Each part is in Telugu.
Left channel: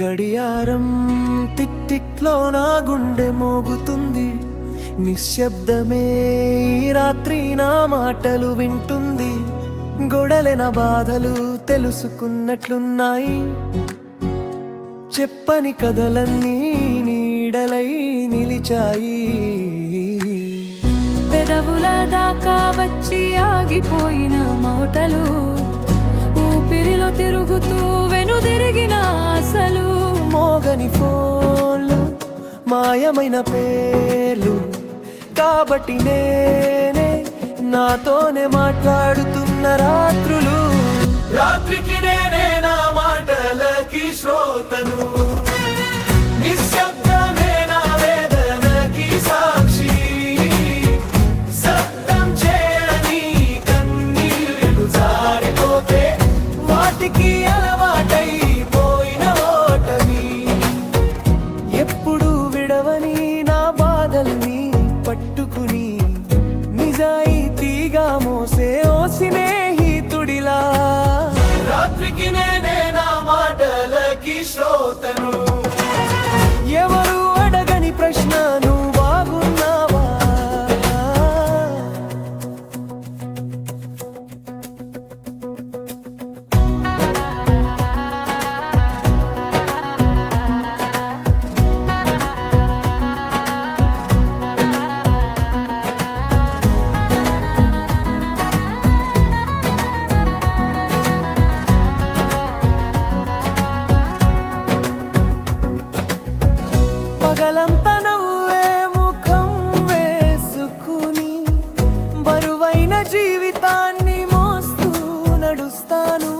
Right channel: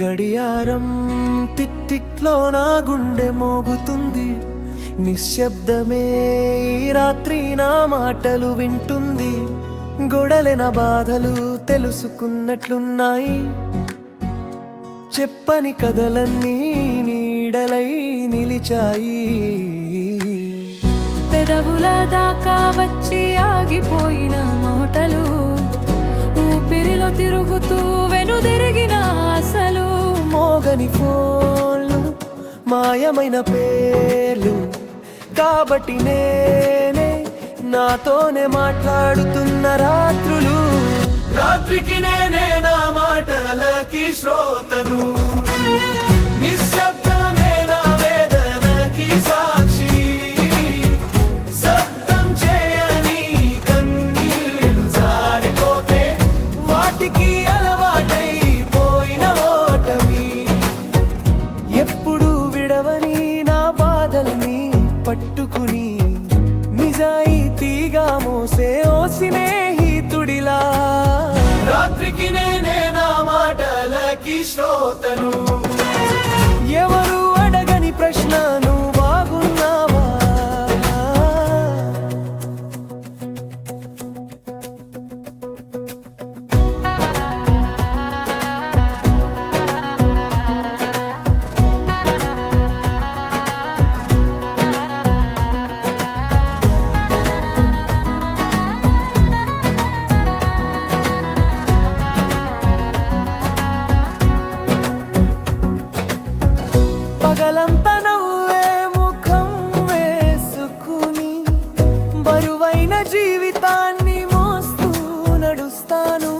గడియారం టిక్టిక్లో నా గుండె మోగుతుంది. నిశ్శబ్దమే ఈ రాత్రి నా మాటలు వింటుంది. గొడలెన బాధలు తెలుసుకున్నట్లున్నాయి. చెప్పని కథలన్నీ నీడలై నిలిచాయి. పెదవుల దాకా వచ్చి ఆగిపోయిన మాటలు, ఊపిరిలో తిరుగుతూ వెనుదిరిగిన ఆశలు. మోగని ఫోన్లు, మాయమైన పేర్లు, కాబట్టి నేనే నాతోనే మాట్లాడుతున్న రాత్రులు. రాత్రికి నేనే నా మాటలకి శ్రోతను. నిశ్శబ్దమే నా వేదనకి సాక్షి. శబ్దం చేయని కన్నీళ్ళు జారిపోతే వాటికి అలవాటైపోయిన ఓటమి. ఎప్పుడు విడవని నా బాధల్ని పట్టుకుని నిజాయితీగా మోసే ఓ స్నేహితుడిలా. రాత్రికి నేనే నా మాటలకి శ్రోతను. ఎవరు అడగని ప్రశ్న, నువ్వు బాగున్నావా? పగలంతా నవ్వే ముఖం వేసుకుని బరువైన జీవితాన్ని మోస్తూ నడుస్తాను.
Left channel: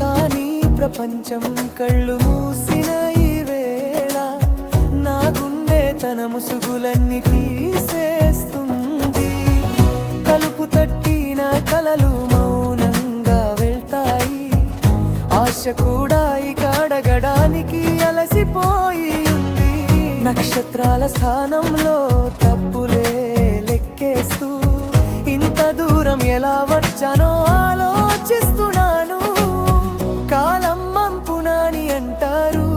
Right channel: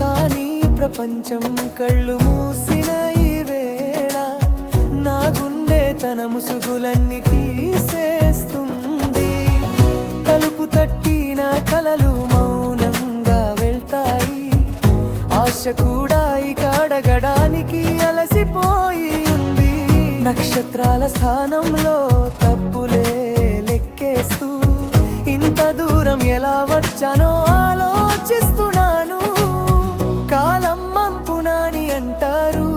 కానీ ప్రపంచం కళ్ళు మూసిన ఈ వేళ నా గుండె తన ముసుగులన్నీ తీసేస్తుంది. తలుపు తట్టిన కలలు మౌనంగా వెళ్తాయి. ఆశ కూడా ఇక అడగడానికి అలసిపోయి ఉంది. నక్షత్రాల స్థానంలో తప్పులే లెక్కేస్తూ ఇంత దూరం ఎలా వచ్చానో ఆలోచిస్తున్నాను. కాలం మంపునాని అంటారు,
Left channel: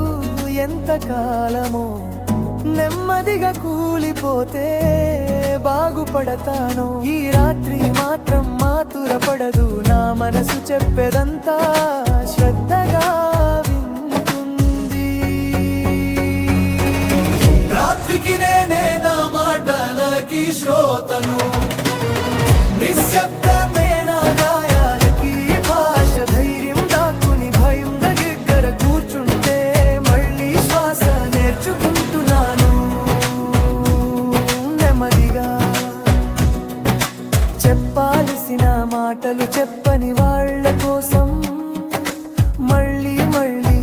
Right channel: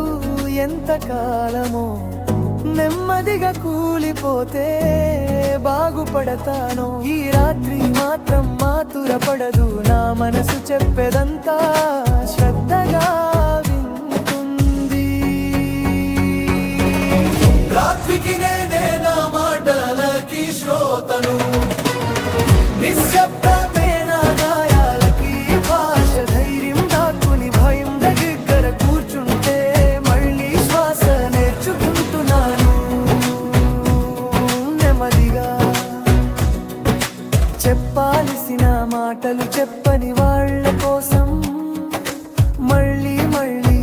ఎంత కాలమో నెమ్మదిగా కూలిపోతే బాగుపడతాను. ఈ రాత్రి మాత్రం మాతురపడదు. నా మనసు చెప్పేదంతా శ్రద్ధగా వింటుంది. రాత్రికి నేనే నా మాటలకి శ్రోతను. నిశ్శబ్దమే నా గాయాలకి భాష. ధైర్యం దాక్కుని భయం దగ్గర కూర్చుంటే మళ్ళీ శ్వాస నేర్చుకుంటున్నాను. నెమ్మదిగా చెప్పాల్సిన మాటలు చెప్పని వాళ్ళ కోసం మళ్ళీ మళ్ళీ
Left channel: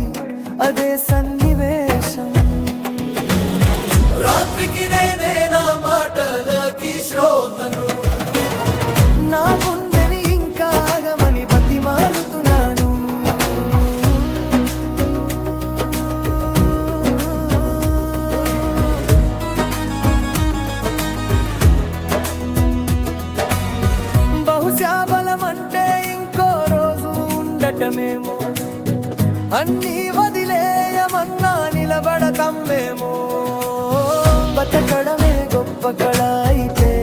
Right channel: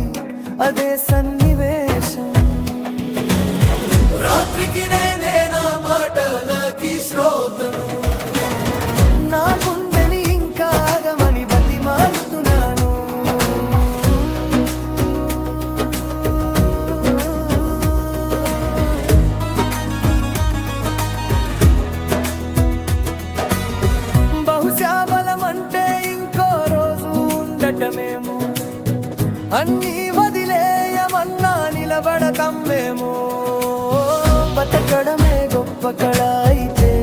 అదే సన్నివేశం. రాత్రికి నేనే నా మాటలకి శ్రోతను. నా గుండెని ఇంకా ఆగమని బతిమాలుతున్నాను. బహుశా బలం అంటే ఇంకో రోజు ఉండటమేమో. అన్నీ వదిలేయమన్నా నిలబడతామేమో. బతకడమే గొప్ప కళ అయితే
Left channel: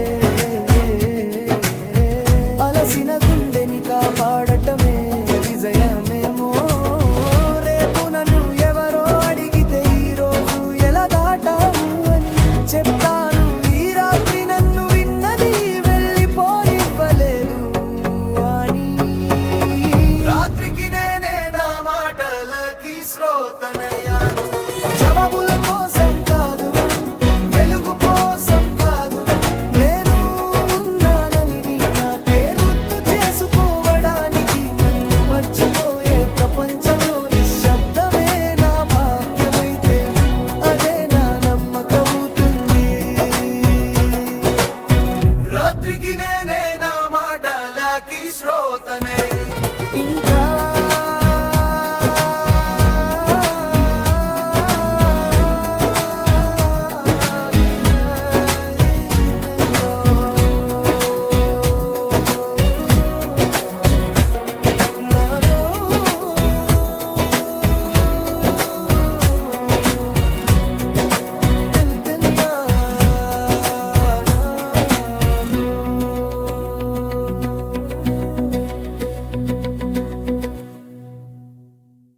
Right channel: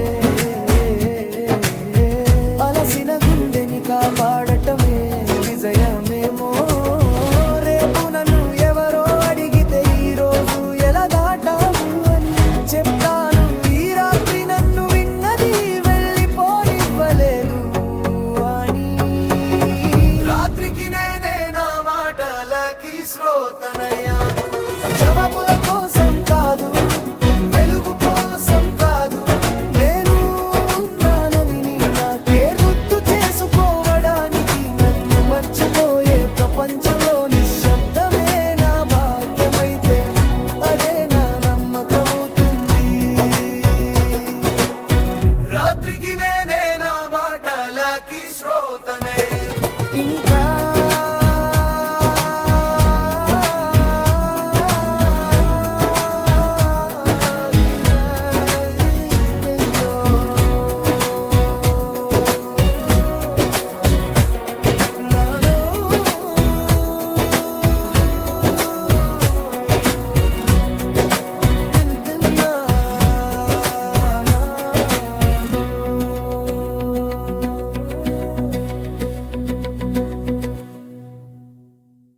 అలసిన గుండెని కాపాడటమే విజయమేమో. రేపు నన్ను ఎవరో అడిగితే ఈ రోజు ఎలా దాటావు అని చెప్తాను. ఈ రాత్రి నన్ను విన్నది వెళ్ళిపోనివ్వలేదు అని. రాత్రికి నేనే నా మాటలకి శ్రోతనయ్యాను. జవాబుల కోసం కాదు, వెలుగు కోసం కాదు, నేను ఉన్నానని నాకే గుర్తు చేసుకోవడానికి. నన్ను మర్చిపోయే ప్రపంచంలో నిశ్శబ్దమే నా భాగ్యమైతే అదే నా నమ్మకవుతుంది. రాత్రికి నేనే నా మాటలకి శ్రోతనే. ఇంకా